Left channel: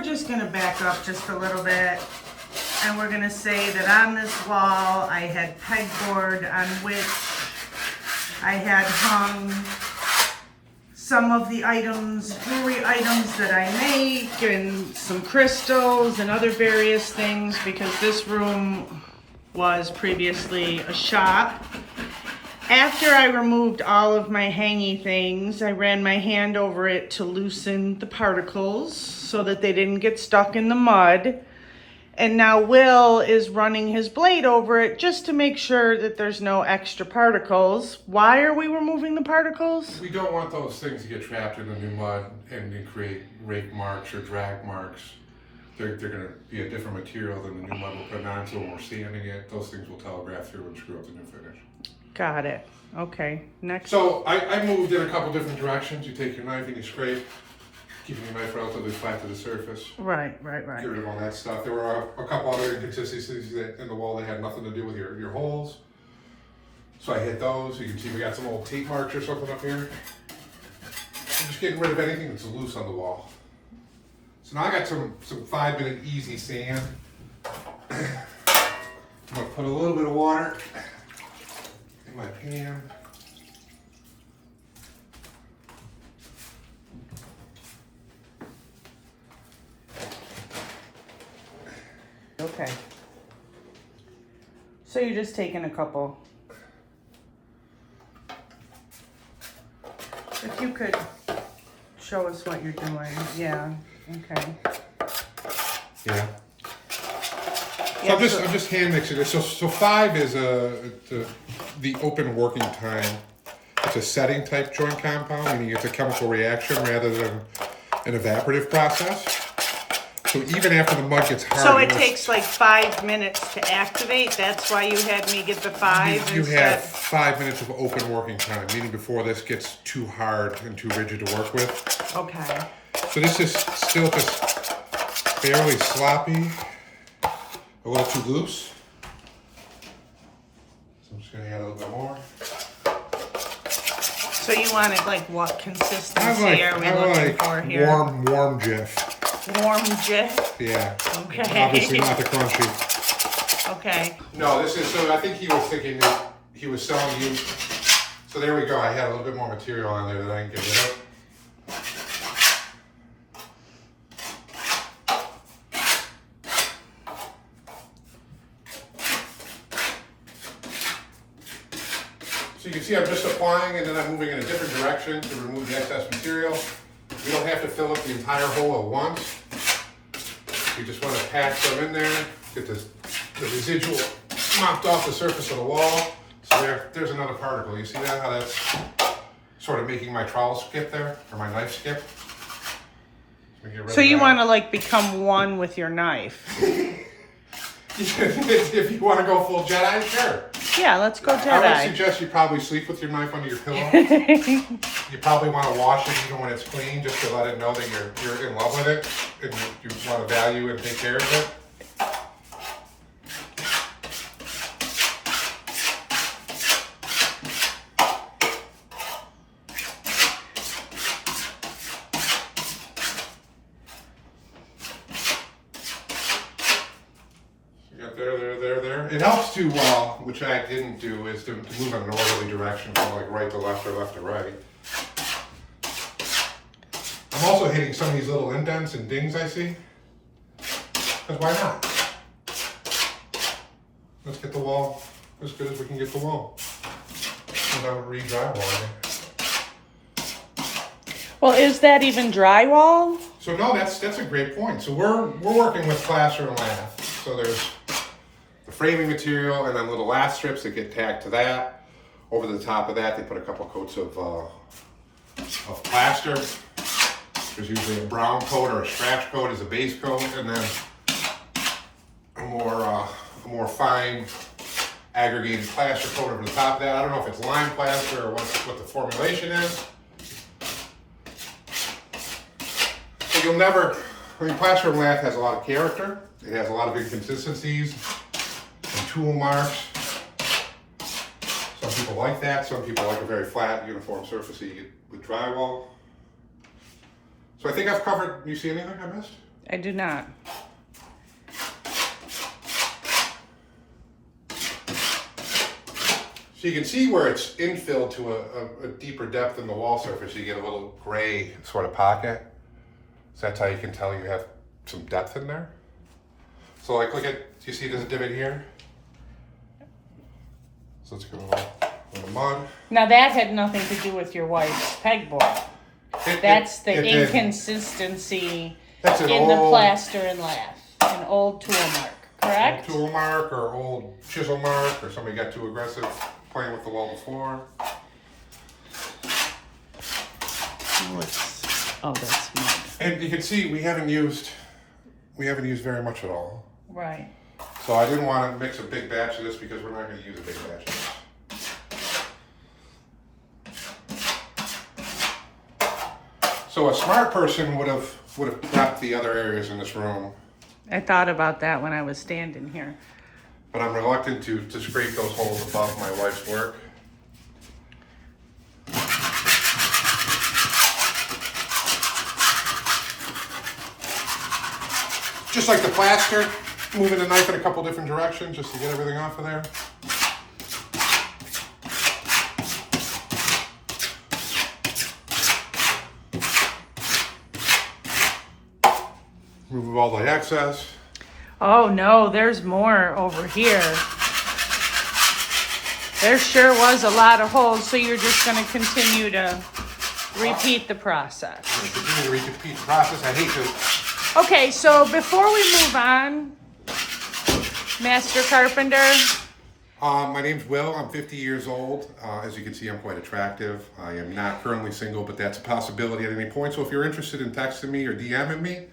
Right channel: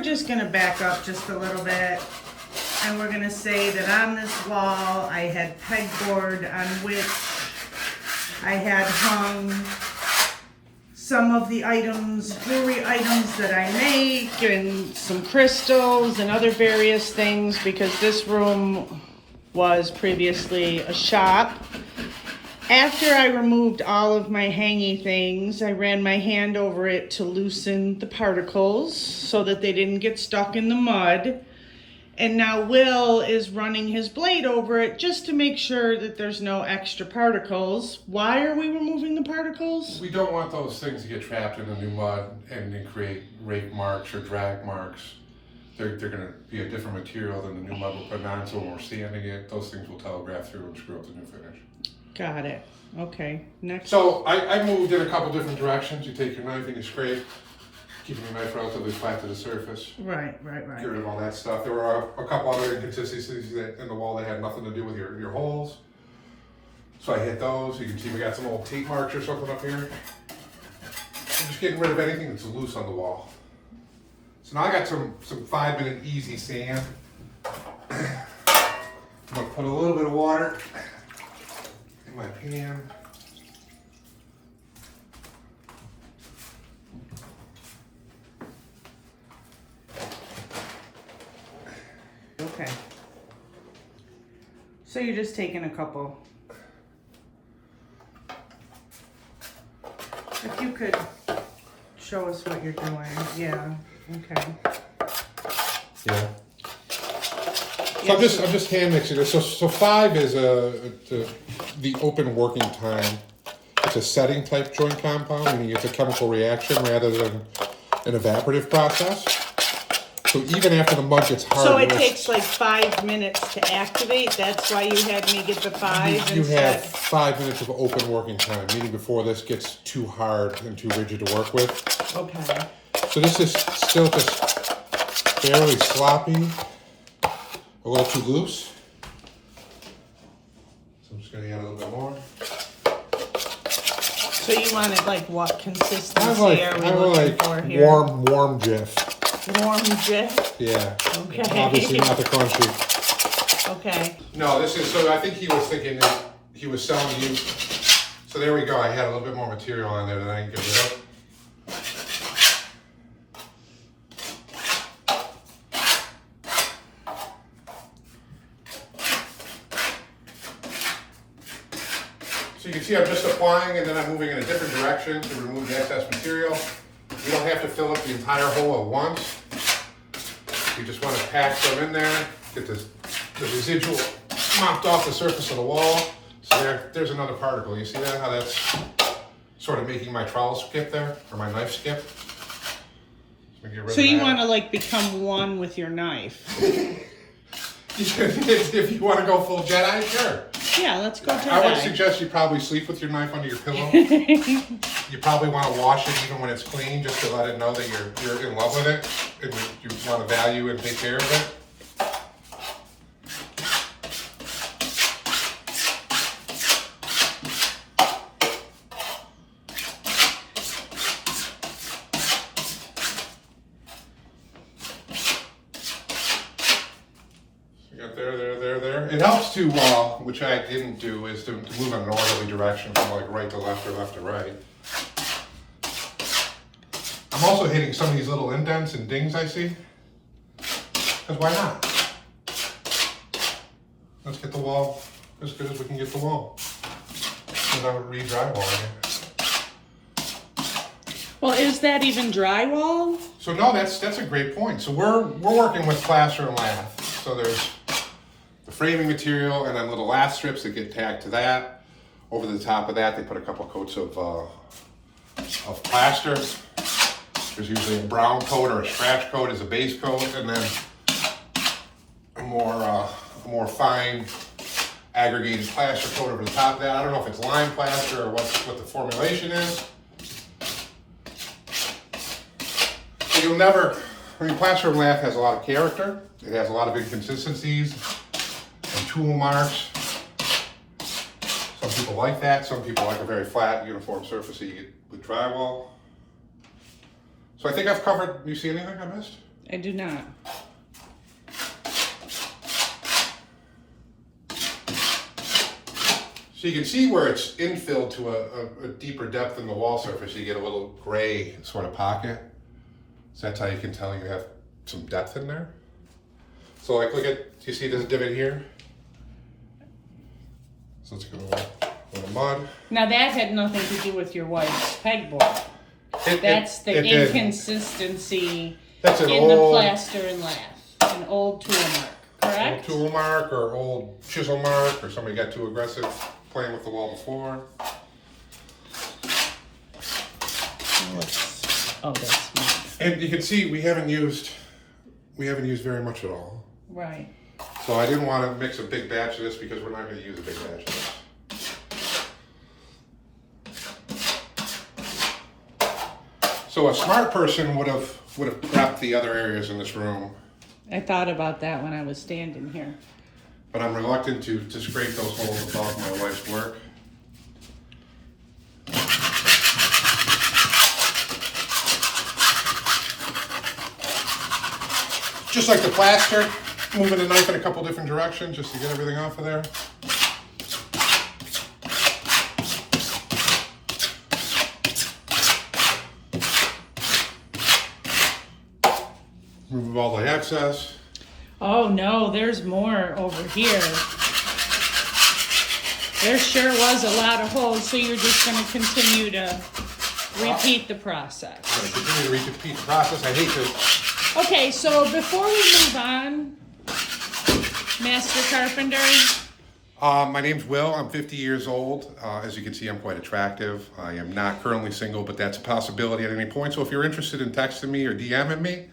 we're just gonna back up just a little bit. And we're gonna say that on this wall, I had pegboard on which I had hung some of the items, jewelry items that I make, and some crystals and other various things, because this room was previously a shop. After I removed all of my hangy things, I ran my hand over it to loosen the particles so that they didn't get stuck in the mud. And now Will is running his blade over it just to make sure that there's no extra particles. Why are we removing the particles? We don't want those things to get trapped in the new mud and create rake marks or drag marks. They're going to be a different material than the new mud we're putting on, so when we're sanding it, those things will telegraph through and screw up the new finish. Got it. Okay, next. So I moved in a couple different directions. You take your knife and you scrape, keeping your knife relatively flat to the surface. Right. Get rid of all that stuff. There were a couple other inconsistencies in the wall that had nothing to do with your holes. So I hit those. You can see we got some old tape marks or something up here. I'm just getting rid of anything that's loose on the wall. So now I got some 5-minute easy sand. I'm gonna put a little bit of water in my pan. Okay. So you're just taking a couple. If you could show us what you're doing. Yeah. Okay. Yeah. Yeah, So I'm just hand mixing this. So 5 is the open working time. It's a setting type joint compound, meaning it's a chemical reaction rather than an evaporative process. So even after the mud gets hard, so it takes like 5 minutes to activate. That's why you had me get the 5. You have 5 minutes of open working time, meaning before this gets too hard and too rigid to work with. Okay. So this is still just fairly sloppy, a little too loose. So I'm just going to add a little bit more. So you want it like what consistency are we looking for here? Warm Jif. Warm Jif? Yeah. Okay. Obviously not the crunchy. Okay. No, this is, so I think he was thinking that he was selling you. So there we go. I had a little bit more material on there that I didn't get rid of. So you can see I'm just applying and then I'm moving in a different direction to remove the excess material. You don't have to fill up the entire hole at once. You just want to pack some in there, get the residual mopped off the surface of the wall. So there's another particle. You see that? How that's sort of making my trowel skip there, or my knife skip? So you want to like become one with your knife? If you want to go full Jedi, sure. Yeah, let's go Jedi. I would suggest you probably sleep with your knife under your pillow. You probably want to wash it even when it's clean, just to let it know that you're in love with it and you want to value and take care of it. There. It helps to, which I didn't do, is to move in an orderly direction from like right to left or left to right. I'm also hitting some of these little indents and dings I see. Because why not? Let's get the wall as good as we can get the wall without re-drywalling it. Well, is that even drywall? So no, that's a great point. So we're working with plaster and lath. So there's the framing material and then little lath strips that get tacked to that. Over the top of that, they put a couple coats of plaster. There's usually a brown coat or a scratch coat as a base coat, and then a more fine aggregated plaster coat over the top of that. I don't know if it's lime plaster or what the formulation is. So you'll never, plaster and lath has a lot of character. It has a lot of inconsistencies and tool marks. Some people like that. Some people like a very flat, uniform surface that you get with drywall. So I think I've covered, you see anything I missed? I do not. So you can see where it's infilled to a deeper depth in the wall surface. You get a little gray sort of pocket. So that's how you can tell you have some depth in there. So like, look at, you see there's a divot here? So let's get a little mud. Now that had nothing to do with your wife's pegboard. That's the inconsistency that's in the plaster and lath. An old tool mark, correct? Old tool mark or old chisel mark, or somebody got too aggressive playing with the wall before. Oh, that's mud. And you can see we haven't used very much at all. Right. So I didn't want to mix a big batch of this because we're not going to use a big batch of this. So a smart person would have prepped the other areas in this room, I thought about that when I was standing here. but I'm reluctant to scrape those holes above my wife's work. Just like the plaster, moving the knife in a couple different directions just to get everything off of there. Remove all the excess. Oh no, there's more over here. There sure was a lot of holes, so you're just going to continue to repeat the process. I'm going to continue to repeat the process. I hate to. Okay, so before we move on, Master Carpenter. My name's Will. I'm 50 years old. As you can see, I'm quite attractive. I am not currently single, but that's a possibility at any point. So if you're interested in texting me or DMing me,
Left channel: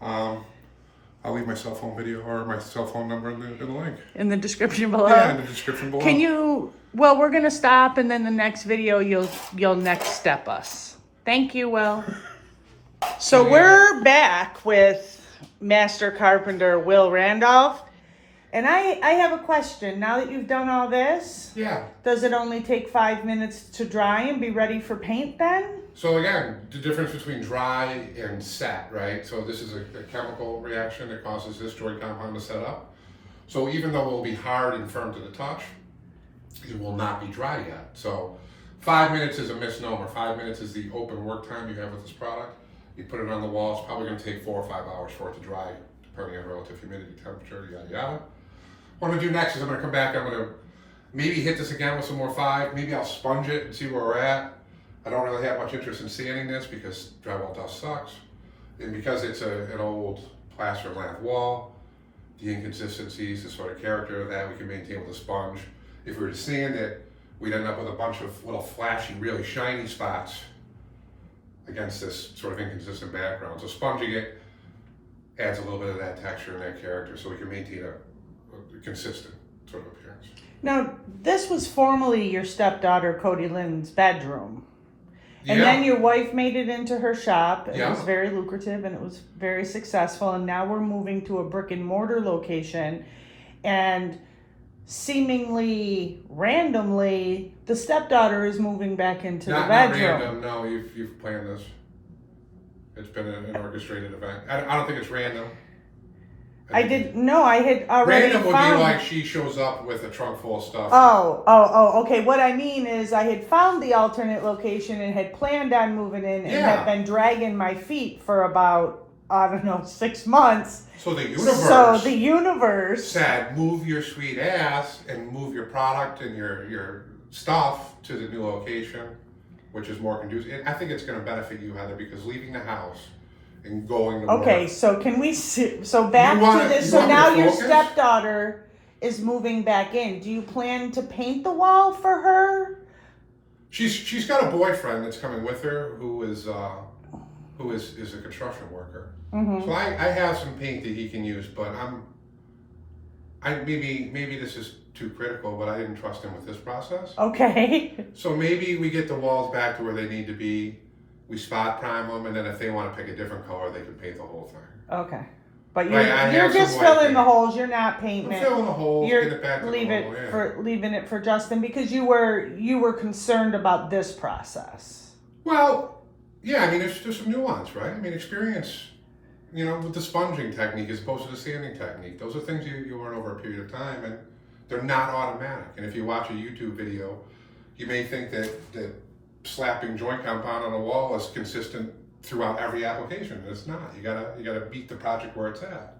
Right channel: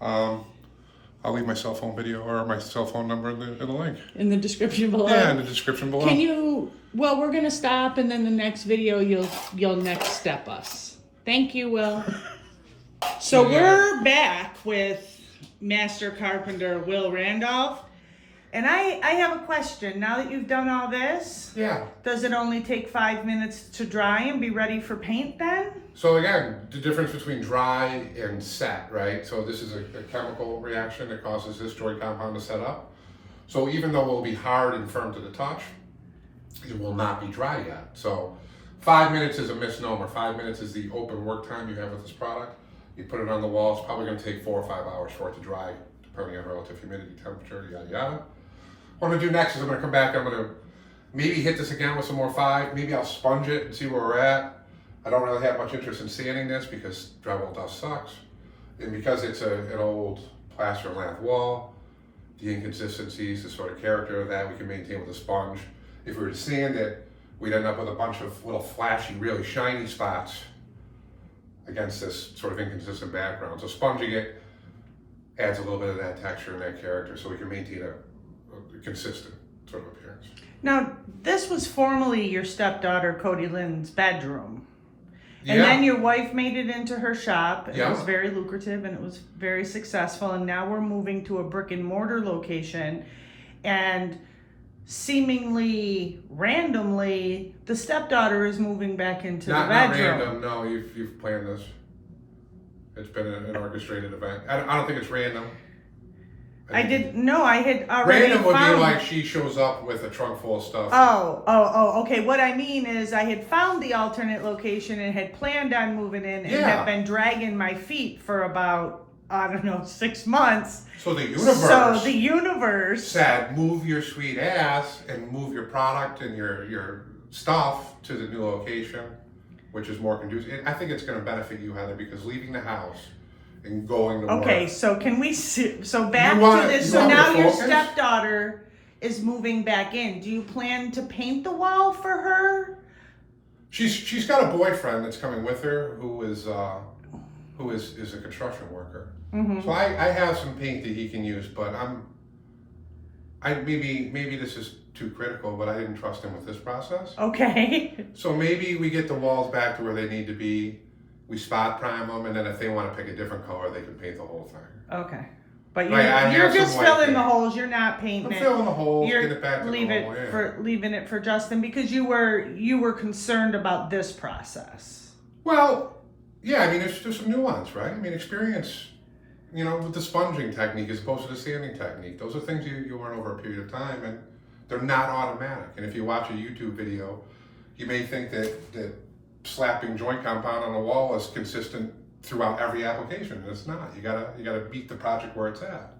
I'll leave my cell phone video or my cell phone number in the link. In the description below. Yeah, in the description below. Can you? Well, we're gonna stop, and then the next video you'll next step us. Thank you, Will. So we're back with Master Carpenter Will Randolph, and I have a question. Now that you've done all this, Yeah. does it only take 5 minutes to dry and be ready for paint then? So again, the difference between dry and set, right? So this is a chemical reaction that causes this joy compound to set up. So even though it will be hard and firm to the touch, it will not be dry yet. So 5 minutes is a misnomer. 5 minutes is the open work time you have with this product. You put it on the wall, it's probably going to take 4 or 5 hours for it to dry, depending on relative humidity, temperature, yada yada. What I'm going to do next is I'm going to come back, I'm going to maybe hit this again with some more 5, maybe I'll sponge it and see where we're at. I don't really have much interest in sanding this because drywall dust sucks. And because it's an old plaster and lath wall, the inconsistencies, the sort of character of that we can maintain with a sponge. If we were to sand it, we'd end up with a bunch of little flashy, really shiny spots against this sort of inconsistent background. So sponging it adds a little bit of that texture and that character so we can maintain a consistent sort of appearance. Now, this was formerly your stepdaughter Cody Lynn's bedroom. And Yeah. then your wife made it into her shop. It Yeah. was very lucrative and it was very successful. And now we're moving to a brick and mortar location. And seemingly randomly, the stepdaughter is moving back into the Not bedroom. random, no, you've planned this. It's been an orchestrated event. I don't think it's random. I had already Random would found... be like she shows up with a trunk full of stuff. Oh, okay. What I mean is I had found the alternate location and had planned on moving in and Yeah. have been dragging my feet for about, 6 months. So the universe said, move your sweet ass and move your product and your stuff to the new location, which is more conducive. And I think it's going to benefit you, Heather, because leaving the house and going to work. Okay, so can we so back You to this? you So want me to now your focus? stepdaughter is moving back in. Do you plan to paint the wall for her? She's got a boyfriend that's coming with her who is a construction worker. Mm-hmm. So I have some paint that he can use, but maybe this is too critical, but I didn't trust him with this process. Okay. So maybe we get the walls back to where they need to be. We spot prime them, and then if they want to pick a different color, they can paint the whole thing. Okay. But Right, I you're have some just white filling paint. the holes. You're not painting I'm it. filling the holes, You're get it back to leaving it for Justin because you were concerned about this process. Well, yeah, I mean, there's some nuance, right? I mean, experience you know, with the sponging technique as opposed to the sanding technique. Those are things you learn over a period of time, and they're not automatic. And if you watch a YouTube video, you may think that slapping joint compound on a wall is consistent throughout every application, and it's not. You gotta meet the project where it's at.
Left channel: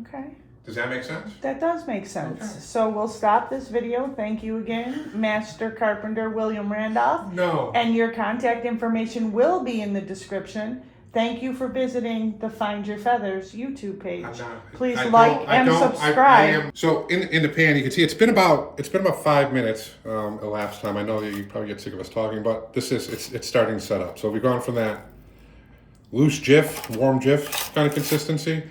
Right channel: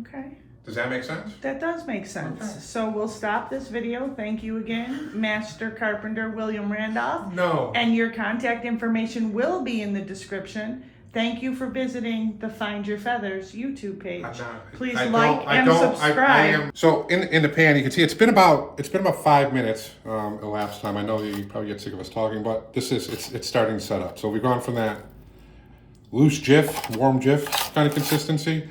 Okay. Does that make sense? That does make sense. Okay. So we'll stop this video. Thank you again, Master Carpenter William Randolph. No. And your contact information will be in the description. Thank you for visiting the Find Your Feathers YouTube page. Please subscribe. So in the pan, you can see it's been about 5 minutes elapsed time. I know that you probably get sick of us talking, but it's starting to set up. So we've gone from that loose jiff, warm jiff kind of consistency,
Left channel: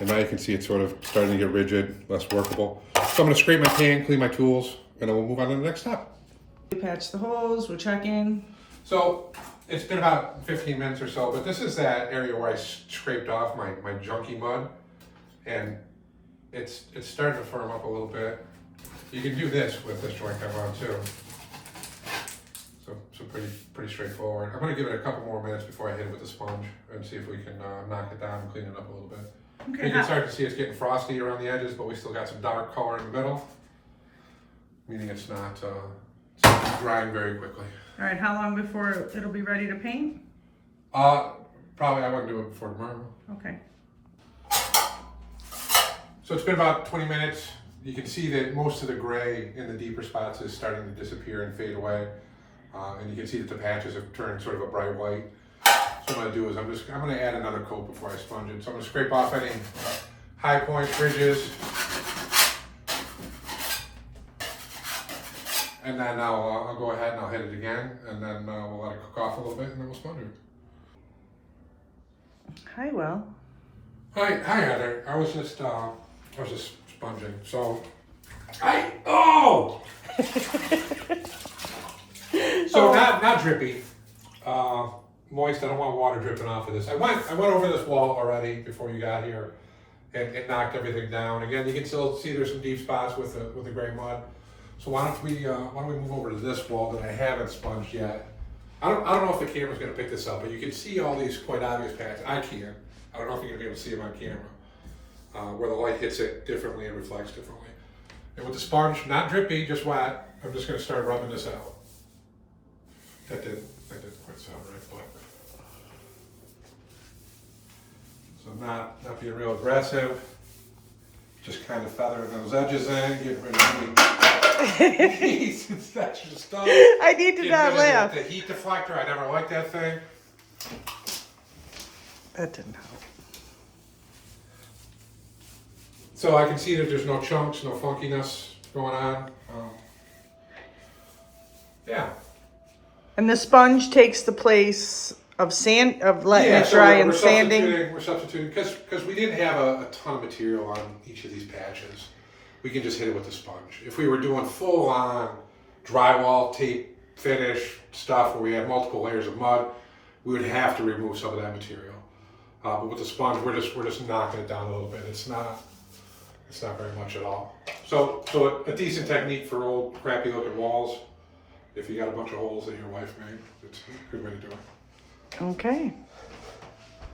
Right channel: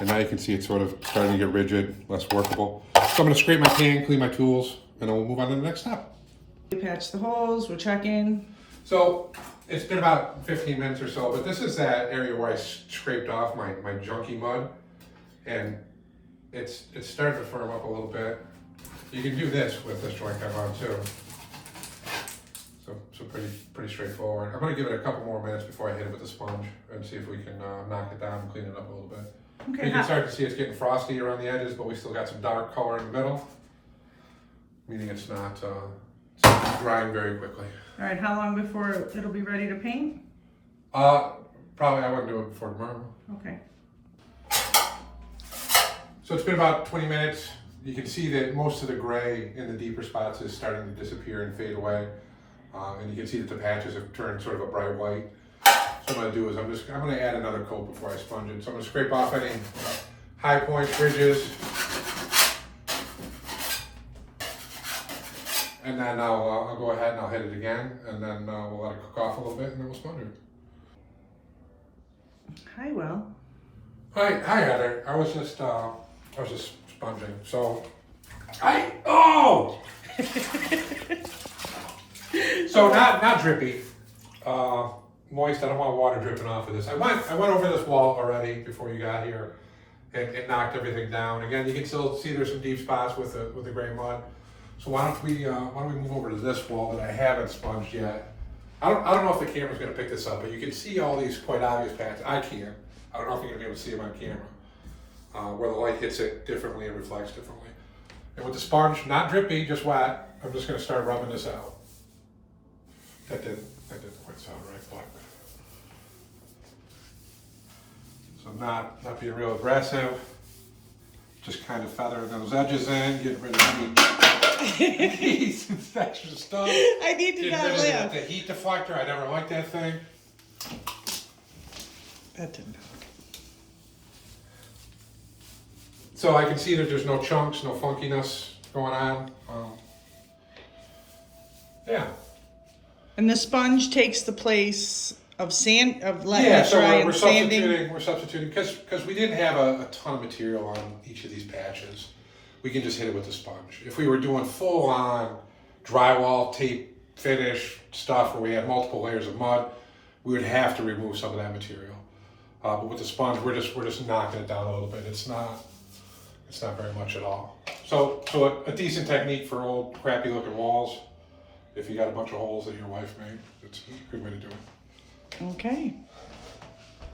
and now you can see it's sort of starting to get rigid, less workable. So I'm going to scrape my pan, clean my tools, and then we'll move on to the next step. We patch the holes. We're checking. So it's been about 15 minutes or so, but this is that area where I scraped off my junky mud, and it's starting to firm up a little bit. You can do this with this joint compound too. So pretty straightforward. I'm going to give it a couple more minutes before I hit it with the sponge and see if we can knock it down and clean it up a little bit. Okay. You can start to see it's getting frosty around the edges, but we still got some dark color in the middle, meaning it's not drying very quickly. All right. How long before it'll be ready to paint? Probably I wouldn't do it before tomorrow. Okay. So it's been about 20 minutes. You can see that most of the gray in the deeper spots is starting to disappear and fade away. And you can see that the patches have turned sort of a bright white. So what I'm gonna do is I'm gonna add another coat before I sponge it. So I'm gonna scrape off any high points, ridges. And then I'll go ahead and I'll hit it again, and then we'll let it cook off a little bit, and then we'll sponge it. Hi, Will. Hi Heather. I was just sponging. So So not drippy, moist. I don't want water dripping off of this. I went over this wall already before you got here, and it knocked everything down. Again, you can still see there's some deep spots with the gray mud. So why don't we move over to this wall that I haven't sponged yet? I don't know if the camera's gonna pick this up, but you can see all these quite obvious patches. I can. I don't know if you're gonna be able to see them on camera, where the light hits it differently and reflects differently. And with the sponge, not drippy, just wet, I'm just gonna start rubbing this out. That didn't quite sound right, but. So not being real aggressive, just kind of feathering those edges in, getting rid of any extra stuff. I need to not laugh. The heat deflector, I never liked that thing. That didn't help. So I can see that there's no chunks, no funkiness going on. Yeah. And the sponge takes the place of letting it dry and sanding. We're substituting because we didn't have a ton of material on each of these patches. We can just hit it with the sponge. If we were doing full on drywall tape finish stuff where we had multiple layers of mud, we would have to remove some of that material. But with the sponge, we're just knocking it down a little bit. It's not very much at all. So a decent technique for old crappy looking walls. If you got a bunch of holes that your wife made, it's a good way to do it. Okay.